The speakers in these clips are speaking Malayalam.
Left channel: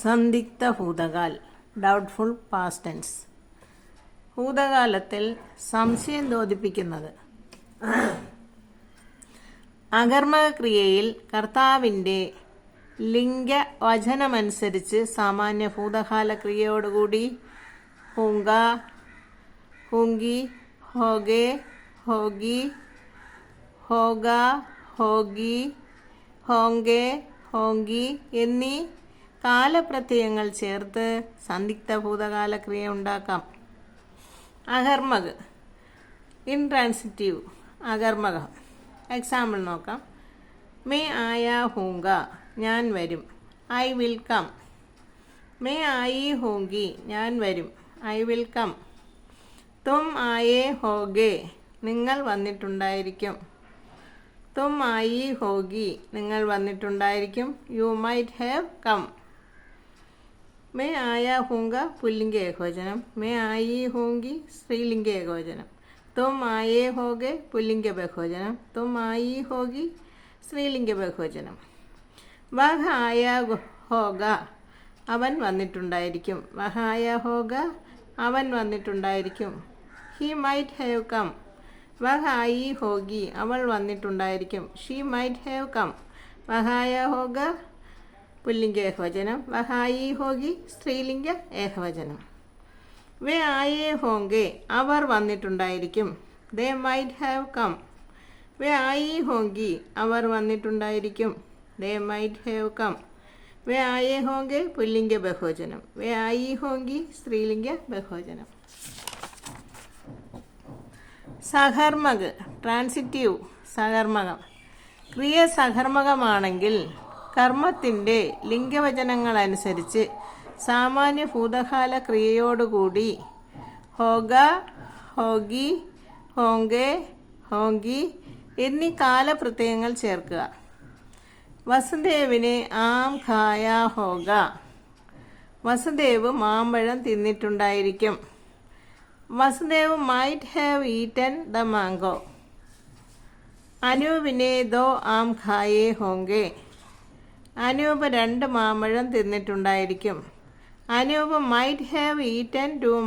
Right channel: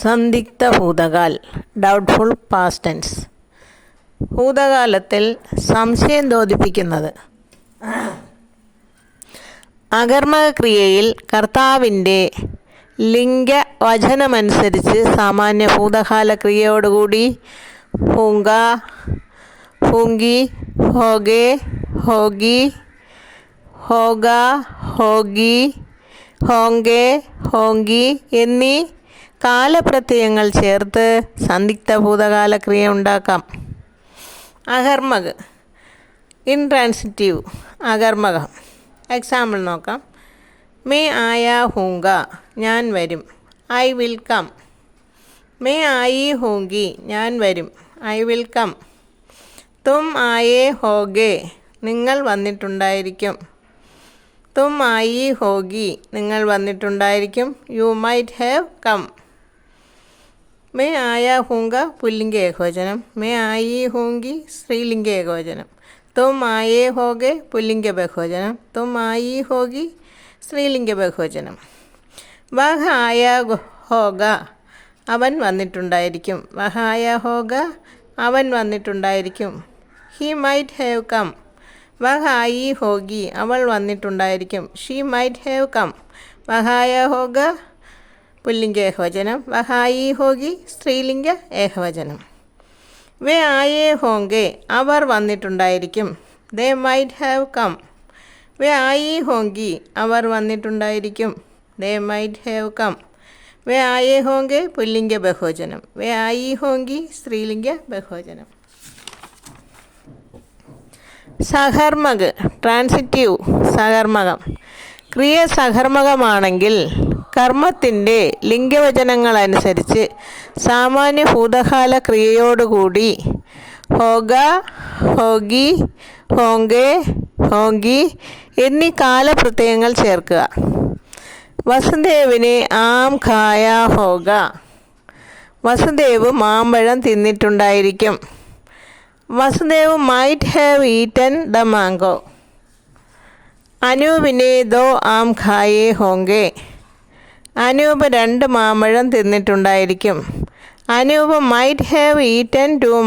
സന്ദിഗ്ധ ഭൂതകാൽ ഡൗട്ട്ഫുൾ പാസ്റ്റ് ടെൻസ്. ഭൂതകാലത്തിൽ സംശയം തോന്നിപ്പിക്കുന്നത്. അകർമ്മക ക്രിയയിൽ കർത്താവിൻ്റെ ലിംഗവചനമനുസരിച്ച് സാമാന്യ ഭൂതകാല ക്രിയയോടുകൂടി ഹൂങ്ക, ഹൂങ്കി, ഹോഗെ, ഹോഗി, ഹോഗ, ഹോഗി, ഹോങ്കെ, ഹോങ്കി എന്നീ കാലപ്രത്യയങ്ങൾ ചേർത്ത് സന്ദിഗ്ധ ഭൂതകാല ക്രിയ ഉണ്ടാക്കാം. അകർമ്മക് ഇൻട്രാൻസിറ്റീവ് അകർമ്മകം. എക്സാമ്പിൾ നോക്കാം. മേ ആയാ ഹൂങ്ക, ഞാൻ വരും. I will come. മേ ആയി ഹൂങ്കി, ഞാൻ വരും. I will come. തും ആയേ ഹോഗെ, നിങ്ങൾ വന്നിട്ടുണ്ടായിരിക്കും. തും ആയി ഹോഗി, നിങ്ങൾ വന്നിട്ടുണ്ടായിരിക്കും. You might have come. മേ ആയാ ഹൂങ്ക പുല്ലിംഗ ഏകവചനം. മേ ആയി ഹൂങ്കി സ്ത്രീലിംഗ ഏകവചനം. തും ആയേ ഹോഗെ പുല്ലിംഗ ബഹുവചനം. തും ആയി ഹോഗി സ്ത്രീലിംഗ ബഹുവചനം. വഹ ആയാ ഹോഗ, അവൻ വന്നിട്ടുണ്ടായിരിക്കും. വഹ ആയാ ഹോഗ, അവൻ വന്നിട്ടുണ്ടായിരിക്കും. He might have come. വഹ ആയി ഹോഗി, അവൾ വന്നിട്ടുണ്ടായിരിക്കും. She might have come. വഹ ആയാ ഹോഗ പുല്ലിംഗ ഏകവചനം. വഹ ആയി ഹോഗി സ്ത്രീലിംഗ ഏകവചനം. വേ ആയേ ഹോങ്കെ, അവർ വന്നിട്ടുണ്ടായിരിക്കും. They might have come. വേ ആയി ഹോങ്കി, അവർ വന്നിട്ടുണ്ടായിരിക്കും. They might have come. വേ ആയേ ഹോങ്കെ പുല്ലിംഗ ബഹുവചനം. വേ ആയി ഹോങ്കി സ്ത്രീലിംഗ ബഹുവചനം. സഹർമ്മക് ട്രാൻസിറ്റീവ് സഹർമ്മകം. ക്രിയ സഹർമ്മകമാണെങ്കിൽ കർമ്മത്തിൻ്റെ ലിംഗവചനങ്ങളനുസരിച്ച് സാമാന്യ ഭൂതകാല ക്രിയയോടുകൂടി ഹോഗ, ഹോഗി, ഹോങ്കെ, ഹോങ്കി എന്നീ കാലപ്രത്യയങ്ങൾ ചേർക്കുക. വസുദേവിന് ആം ഖായ ഹോഗ, വസുദേവ് മാമ്പഴം തിന്നിട്ടുണ്ടായിരിക്കും. Vasudev might have eaten the mango. അനൂപിനെ ദോ ആം ഖായേ ഹോങ്കെ, അനൂപ് 2 മാമ്പഴം തിന്നിട്ടുണ്ടായിരിക്കും. Anoop might have eaten 2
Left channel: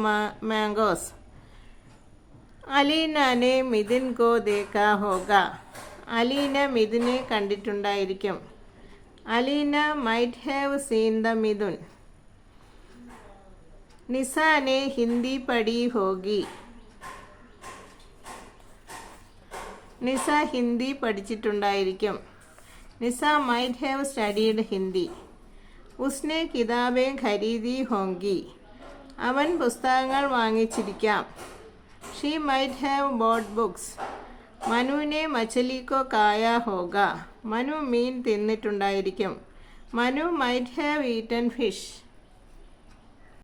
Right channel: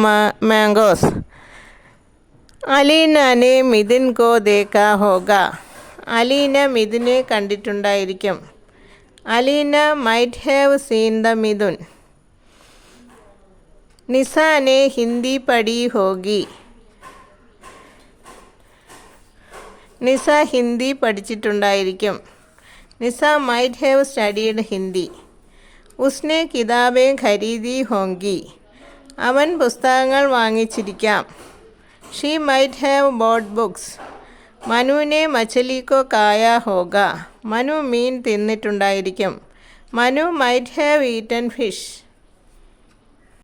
mangoes. അലീനനെ മിഥുൻ കോ ദേഖാ ഹോഗ, അലീന മിഥുനെ കണ്ടിട്ടുണ്ടായിരിക്കും. Alina might have seen the Mithun. നിസാനെ ഹിന്ദി പഠി ഹോഗി, നിസ ഹിന്ദി പഠിച്ചിട്ടുണ്ടായിരിക്കും. Nisa might have studied Hindi. ഉസ്നെ കിതാബേ ഖരീദി ഹോങ്കി, അവൻ പുസ്തകങ്ങൾ വാങ്ങിച്ചിരിക്കാം. She might have bought books. മനുവിനെ മച്ചലി കോ കായ ഹോഗ, മനു മീൻ തിന്നിട്ടുണ്ടായിരിക്കും. Manu might have eaten fish.